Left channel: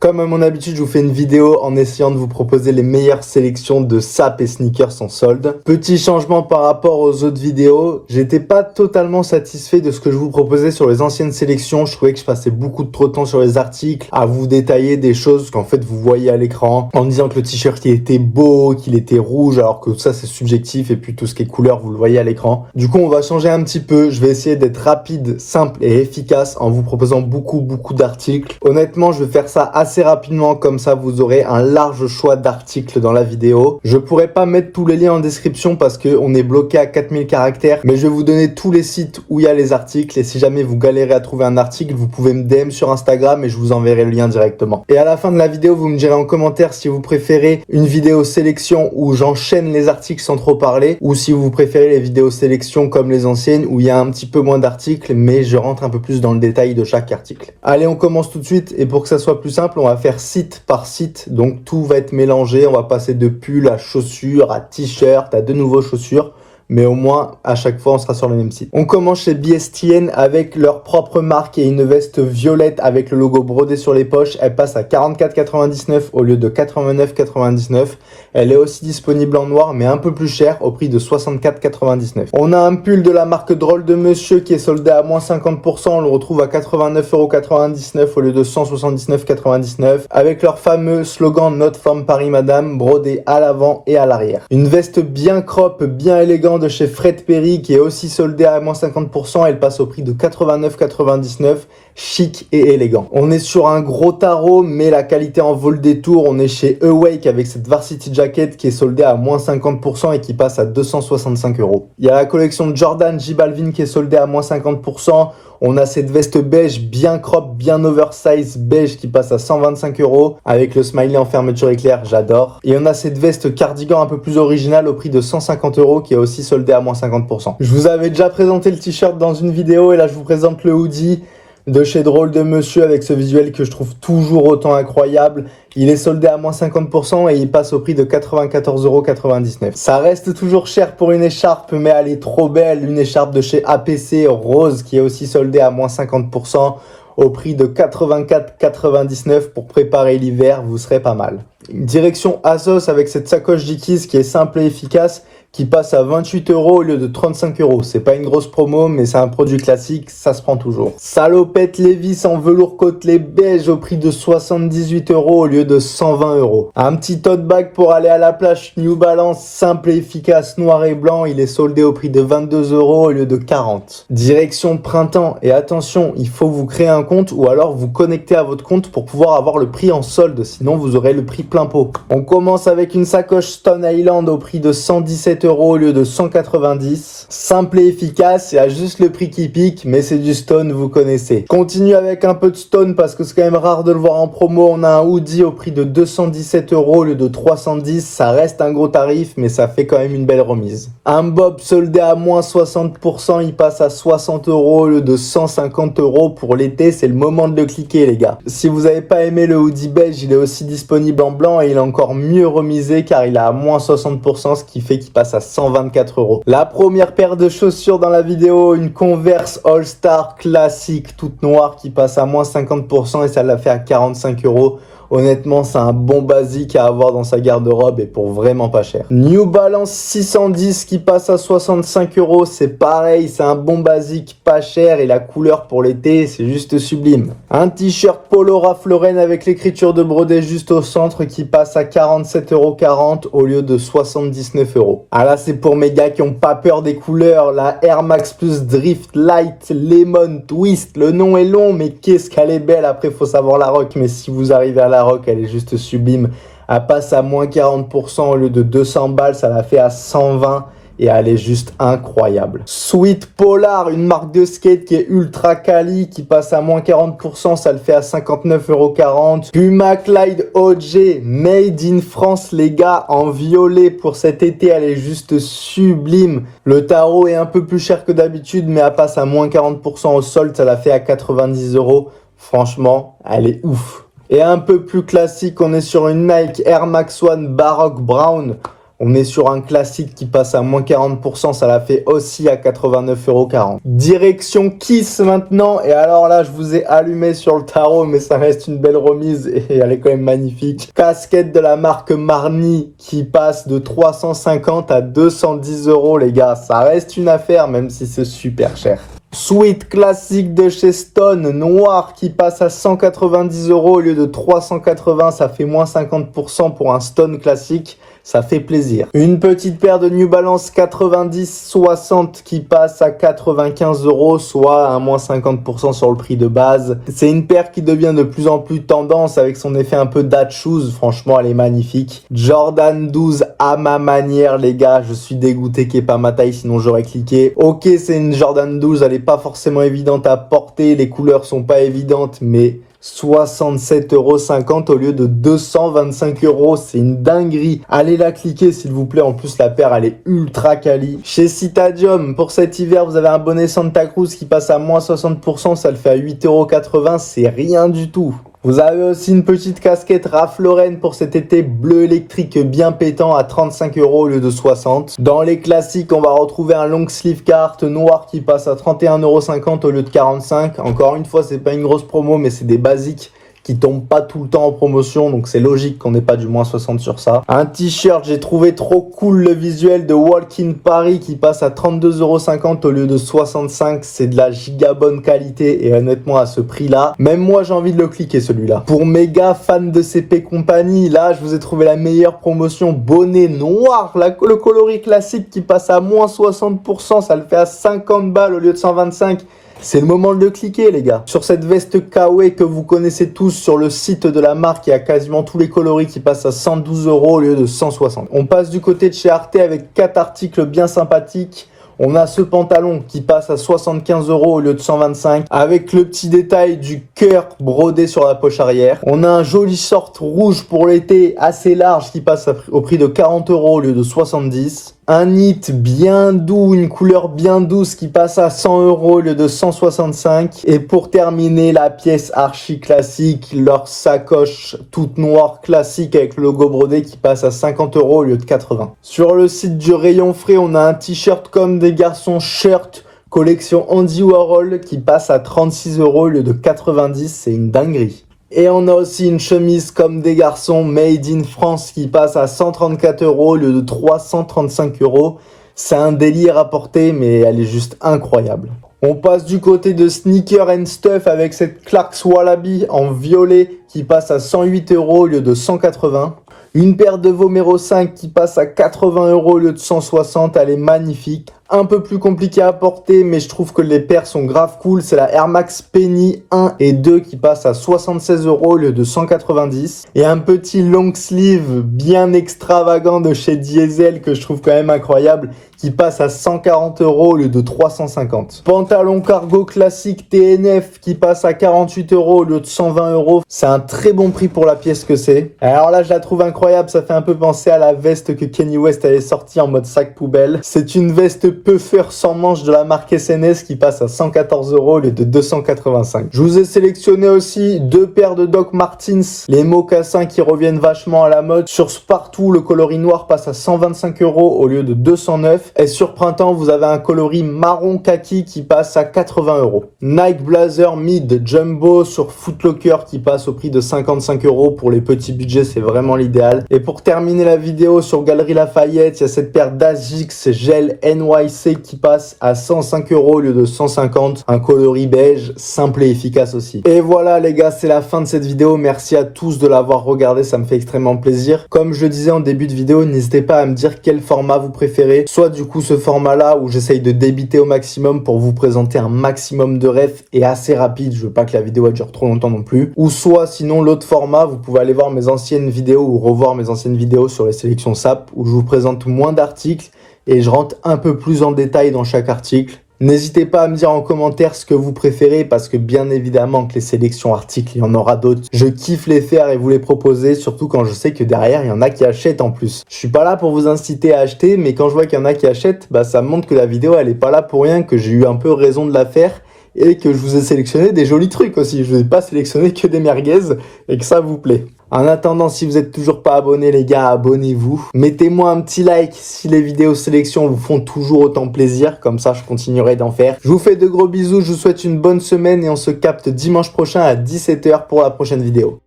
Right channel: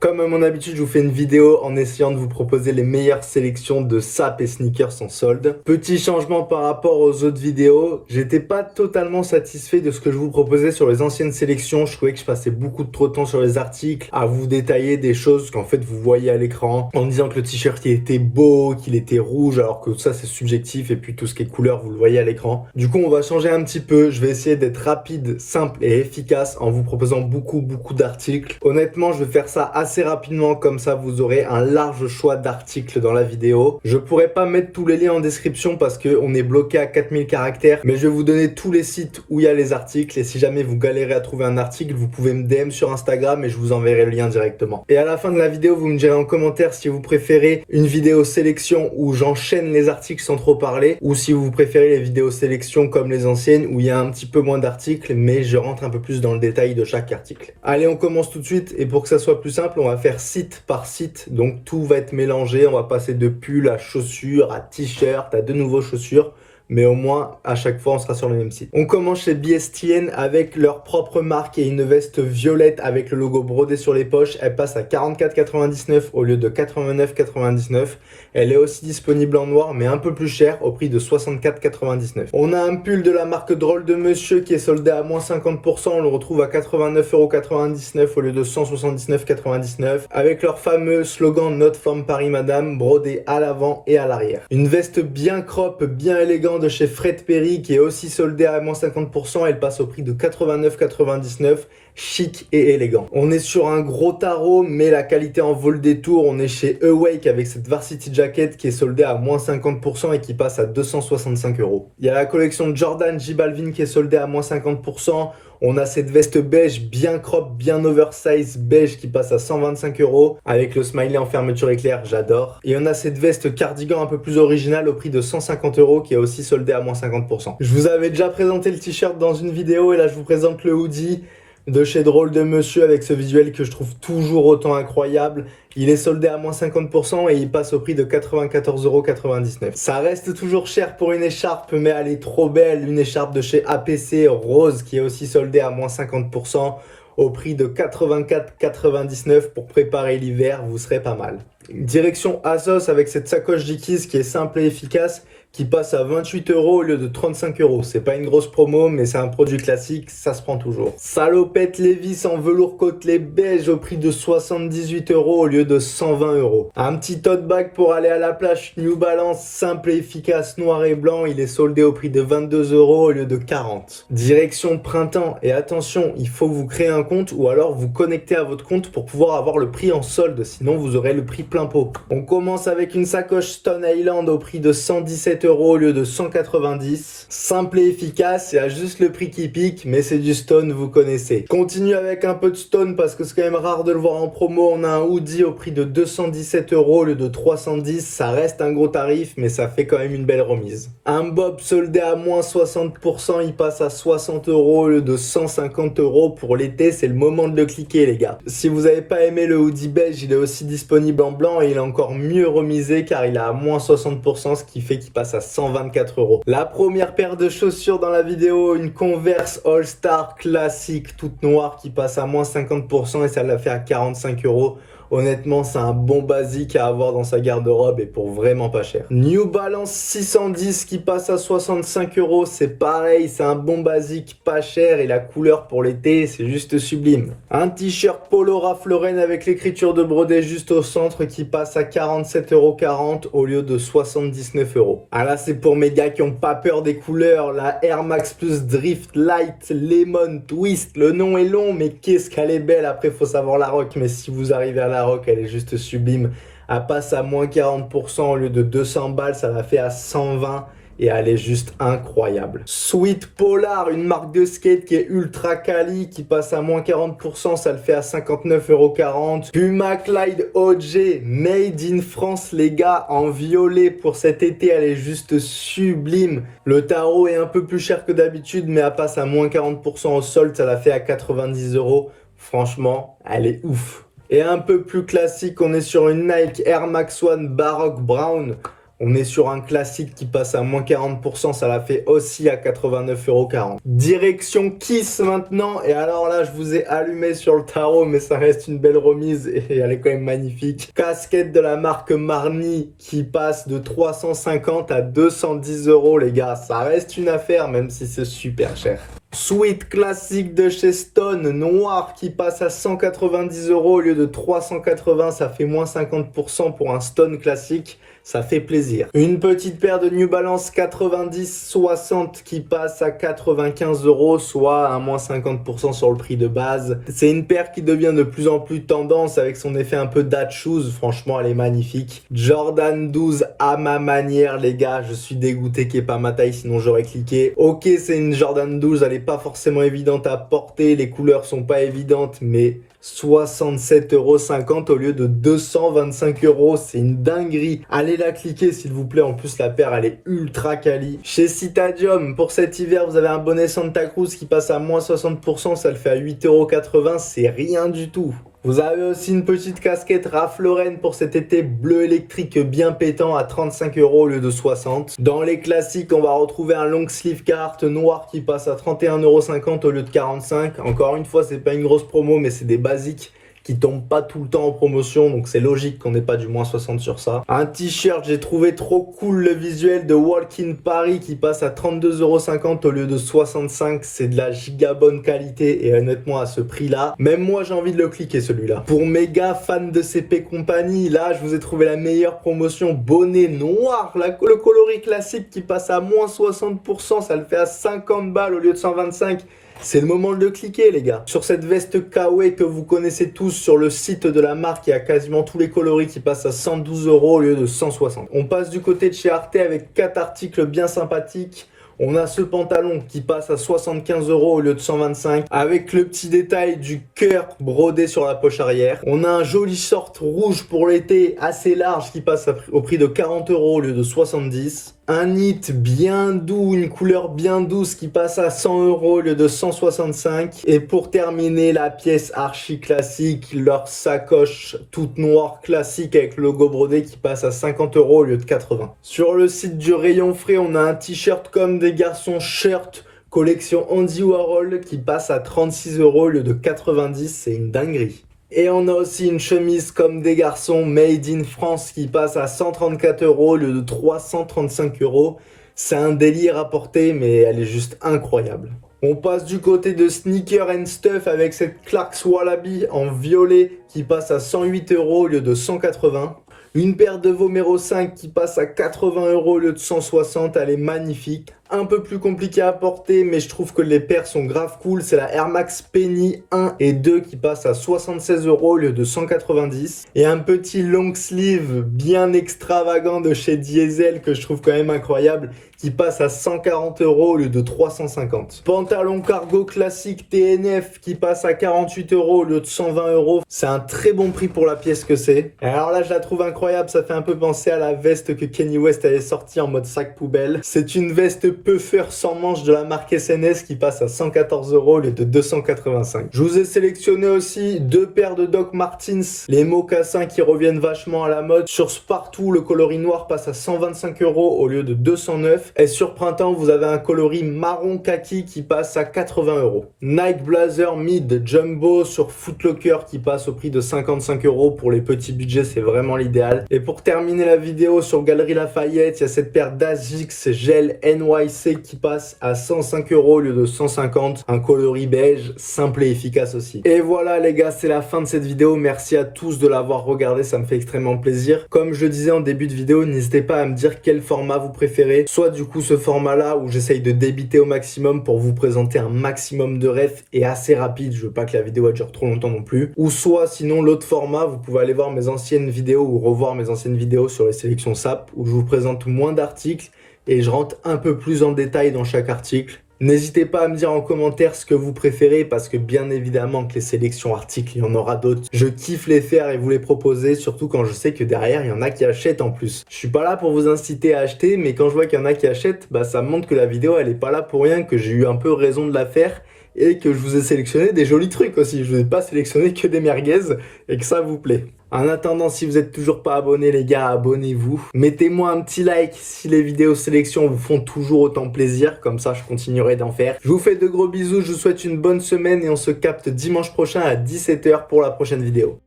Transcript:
Comme à mon habitude, je vous fais une vidéo en essayant de vous proposer les meilleures sélections de sapes et sneakers en solde. Petit changement par rapport aux autres vidéos, j'étais pas totalement satisfait de ce que je vous proposais sur les anciennes sélections. Je trouvais que je passais beaucoup trop de temps sur les articles à vous détailler des choses qu'en fait vous voyez à l'écran en disant que le t-shirt il était beau, qu'il était rouge, alors que ça c'est subjectif et puis tout ce qui est couleur vous le voyez à l'écran. Du coup on va changer un petit peu, je vais essayer d'être rapide, simple et efficace en vous proposant beaucoup d'articles. Honnêtement je vais faire ça assez rapidement, comme ça vous aurez un large choix d'articles dans la vidéo. Je pourrais pas mettre tous les liens en description parce qu'on est bloqué à 4000 caractères, mais je vais vous donner tous les sites où il y a les articles et si jamais vous galérez à trouver un article, vous pouvez me DM sur Instagram et je vous enverrai le lien directement. Et à la fin de la vidéo, vous me direz en commentaire si vous préférez une vidéo sélection où j'enchaîne les articles sans trop parler ou si vous préférez les vidéos sélection comme les anciennes où il y a un petit peu moins d'articles mais je rentre un peu plus dans le détail de chaque article. Allez, on commence tout de suite et pour que ça soit plus simple, on va faire site par site, donc tout va être mélangé, on va passer de pull à chaussures, à t-shirt, à de nouveaux chaussures, mais au moins à chaque fois on sera sur le même site. On commence chez BSTN avec leur propre marque et une veste violette avec le logo brodé sur les poches. Elle passe à 44,99 au lieu de 89,99. Elle est aussi disponible en noir mais un peu plus cher au prix de 64,99. On a un pull de la marque Drôle de Monsieur qui est soldé à moins 50%. On le retrouve à 89,99 € au lieu de 179,99 avec leur fameux slogan Notre femme Paris Madame brodé à l'avant et à l'arrière. Une veste bien crop, bien élégante de chez Fred Perry qui est aussi soldée à moins 50%. Elle passe au prix de 89,99. Chic et élégant. On est sur un gros tarot mais la qualité en vaut le détour. On est chez Awake avec cette Varsity Jacket qui est soldée à moins 50% et qui passe à 265 €. Il y a la collection Jordan J Balvin qui est soldée à moins 50%. On a cette veste beige bien crop, bien oversize beige qui passe à 125 € avec le smiley en fermeture éclair, j'adore. Et on a cette veste cardigan un peu plus originale au prix de 150 € qui est aussi soldée à moins 50%. Je vous avais déjà présenté le t-shirt dans une vidéo et là je vous présente le hoodie de chez Drôle de Monsieur avec ce visuel que je trouve toujours autant incroyable. Il est soldé à moins 50% et il passe au prix de 94,99 €. Ça reste toujours cher pour une écharpe mais elle est trop belle. Une écharpe de chez APC rose qui est aussi soldée à moins 50% au prix de 84,99 € pour préparer l'hiver, vous serez pas mal. Direction Asos avec cette sacoche Dickies qui est simple et efficace qui passe à 28 € au lieu de 35 €. C'est pas une grosse promo, mais c'est un produit classique, ça se prend toujours. Salopette Levi's en velours côtelé beige au prix de 78 € au lieu de 120 €. Un petit tote bag pour aller à la plage New Balance, simple et efficace, noir et blanc. Il est soldé au prix de 22 € au lieu de 40 €. Direction printemps. Et attention, il faut vous créer un compte ou alors vous connecter à votre compte pour pouvoir avoir le prix en solde. Sinon, vous aurez le prix plein pot. On commence avec une sacoche Stone Island au prix de 117 € au lieu de 190. Simple et efficace, il y a juste le prix qui pique, mais c'est du Stone, vous connaissez. Continue avec un peu de Stone parce que c'est quand même rare de le voir en promo. On a un hoodie au prix de 217 € au lieu de 310. Ça reste un gros tarif, mais ça fait quand même une belle remise. Un bob soldé à moins 60%, il passe à 60 € au lieu de 150 € pour l'été. C'est le moment de le cliquer, les gars. Si vous n'avez pas aimé le hoodie beige, il est aussi disponible en blanc et il est encore mieux remisé car il est à moins 60%, ce qui fait qu'il passe à 124 €. La première paire de chaussures dans la vidéo, une Converse All Star classique toute noire qui passe à moins 50% et ça l'a fait à 45 €. Honnêtement, c'est un bon basique à avoir dans sa garde-robe et pour vraiment pas cher. New Balance 610 qui passe à 65 €. C'est pareil, c'est un bon basique pas cher et la couleur pour l'été, c'est juste sublime. Un t-shirt Polo Ralph Lauren avec l'écriture de brodé juste au centre qui passe à 47,40 € au lieu de 79 €. Ah là, c'est pour mes gars qui ont pas peur des couleurs. La Air Max Plus Drift Light Lemon Twist. Le nom est long, mais qu'est-ce qu'elle est belle. Après, faut savoir la rock, mais si vous arrivez à la rock, elle est juste sublime. Elle passe à moins 40% au lieu de 200 balles, ça la fait à 120 et elle est juste incroyable. Sweet Polar, une marque de skate qui est ultra quali, qui passe à moins 40%, ça le fait à 59,40 €. Puma Clyde OG, made in France les gars, en violet pour cet été, elle est juste sublime. Le tarot est un peu plus cher que d'habitude, mais elle passe à moins 40% au solde, ça la fait à 90 €. Franchement, elle est ouf. Et un peu plus classique, on est sur une Nike Air Max One Baroque Brown On est sur un classique qui passe à moins 40%, ça la fait aussi à 89,40 €. Direction Kiss maintenant, et alors là je vous ai allumé sur le tarot, mais ça reste une belle remise et elle est quand même magnifique. Casquette de la marque Marni qui passe de 350 à 210 € les gars, ça reste une affaire même si c'est super cher. Sweat classique de chez Stone, noir qui passe à 190 € au lieu de 380, ça fait moins 50% pour un Stone classique, ça fait plaisir. Une petite paire de New Balance 90-60 qui passe à 95 €, soit un moins 50% sur le prix de base. C'est une paire qui devient de plus en plus tendance avec son effet un peu dad shoes, franchement elle est magnifique. Jordan 12 à ma manière les gars, je suis dégoûté qu'il n'y ait pas ma taille sinon j'aurais cliqué. Ok, c'est une Jordan 12, elle est pas forcément évidente à porter, les couleurs sont pas évidentes, mais 67,50 € au lieu de 225 €, c'est une dinguerie. Allez la cliquer s'il vous plaît, en plus la paire elle est ultra quali. Chez Citadium, pour cet hiver vous avez un bonnet Santa Cruz qui passe à moins 60%, ça le fait à 8,80 €, c'est rien du tout. Vous avez aussi une petite casquette Ralph Lauren pour cet été bleu électrique bien pétant à 35 € au lieu de 60. Dans les classiques, on va retrouver un long sleeve carte noir qui passe à 31,50 € au lieu de 45 €. Encore une fois, c'est pas une grosse promo, mais c'est des basiques qui tombent pas tout le temps en promotion, donc c'est logique qu'on n'ait pas du moins 60 sur ça. Un t-shirt, j'ai trouvé trop cool le visuel de Walk in Paris qui passe à 32,50 € au lieu de 65 €, c'est de la giga bonne qualité et honnêtement à ce prix là, même moi j'ai envie de le cliquer celui-là. Pour méga fans de CP Company, là je vous ai trouvé la meilleure promotion, bonnet noir, le coloris classique qui passe à moins 60%, ça le fait à 50 balles au lieu de 125 €. C'est le moment de le cliquer les gars. Sur cette veste Kawaii que vous connaissez tous sur le site de la marque, il y a quasiment tous les coloris qui passent à 112 € au lieu de 160 €. On passe du côté de chez Arte avec 4 articles bien sympathiques. On a ce pantalon qui passe à 75 € au lieu de 125 € avec le petit détail du cœur brodé sur la poche arrière. On a un joli short rouge pour l'été assez large qui passe au prix de 40 € au lieu de 70 €. Un knit bien doux, une couleur bien douce qui passe à 100 € au lieu de 165 €. Et pour terminer, la pièce archi classique, leur sacoche toute noire classique avec le logo brodé qui passe à 50 € au lieu de 80 €. Sur le site du rayon frais, on a un t-shirt comme des garçons shirt collection Andy Warhol qui passe à 36 € au lieu de 90 €, c'est une dinguerie. Et on a aussi une chemise comme des garçons made in France qui passe à 134 € au lieu de 335 €. C'est un délire à porter mais elle est juste incroyable. On passe du côté de Sneaker and Stuff avec cette Clarks Wallaby en violet qui passe à 108 € au lieu de 180 €. Une paire de Vomero 5 qui passe à 80 € au lieu de 160 €, elle est magnifique. Un peu plus compliqué à porter, mais je trouve que les paires sont grave cool. C'est la Air Max Penny 1 et 2 qui passe à 76 € au lieu de 190 €. Et un petit long sleeve bien extravagant de chez Diesel que je trouve quand même incroyable qui passe à 140 € au lieu de 350 €. Pantalon cargo classique TNF qui passe à 48 € au lieu de 120 €. C'est un très bon prix pour la pièce que c'est. Alors là, je la trouve incroyable. Ça fait un peu penser à la veste que Kanye West avait sortie en mode sac poubelle. C'est une veste puffer sans manche de la marque SNS qui passe à 114 € au lieu de 285 €. Je vous ai sélectionné aussi deux paires de Doc Martens, les mocassins qui reviennent vachement à la mode. Sur Spartoo, le coloris noir passe à 125 € au lieu de 209 €. Et sur printemps, vous avez un coloris marron kaki qui passe à 80 €. Nike Blazer Mid Jumbo sur Footlocker qui passe au prix de 55 € pour les petits budgets, c'est vraiment l'idéal. Et pour terminer la vidéo sur Galerie Lafayette, il y a cette paire d'Asics Gel NYC qui passe à 105 € au lieu de 150 €. Un coloris beige, simple et efficace aussi. Et voilà les gars, c'est la fin de cette vidéo. Merci à tous de l'avoir regardé, ça me fait extrêmement plaisir. Comme je disais en début de vidéo, n'hésitez pas à me dire quel format vous préférez. Soit du coup ce format là où j'essaye de débiter au maximum pour vous présenter un maximum de refs et assez rapide, je veux pas que la vidéo elle dure trop longtemps non plus. Ou soit sinon l'autre format, vous pouvez aller voir mes anciennes vidéos ou revoir mes anciennes vidéos sur les sélections SAP où je vous présente moins d'articles et je rentre un peu plus en détail dans chaque article. N'hésitez pas à me dire en commentaire ce que vous préférez parce que bien évidemment que les sélections articles, il y en aura d'autres. Je kiffe les faire et vous les proposer, surtout quand je sais que derrière, il y en a qui achètent en plus. Je suis pas là pour vous inciter à acheter, mais quand je vois qu'il y en a qui achètent, bah ça me montre que la vidéo, elle est pas là pour rien, que j'ai eu un peu raison de la faire et que je vous ai sélectionné des jolis trucs aussi. Je vous ai pas sélectionné que des merguez et que ça vous plaît. En attendant, si vous êtes toujours pas abonné les gars, abonnez-vous. Mettez-moi un petit like si les vidéos sélection vous font toujours autant plaisir, comme ça je continuerai d'en faire. Je vous fais de gros bisous, je vous souhaite une bonne semaine et on se capte dimanche prochain à 17 h pour la prochaine vidéo.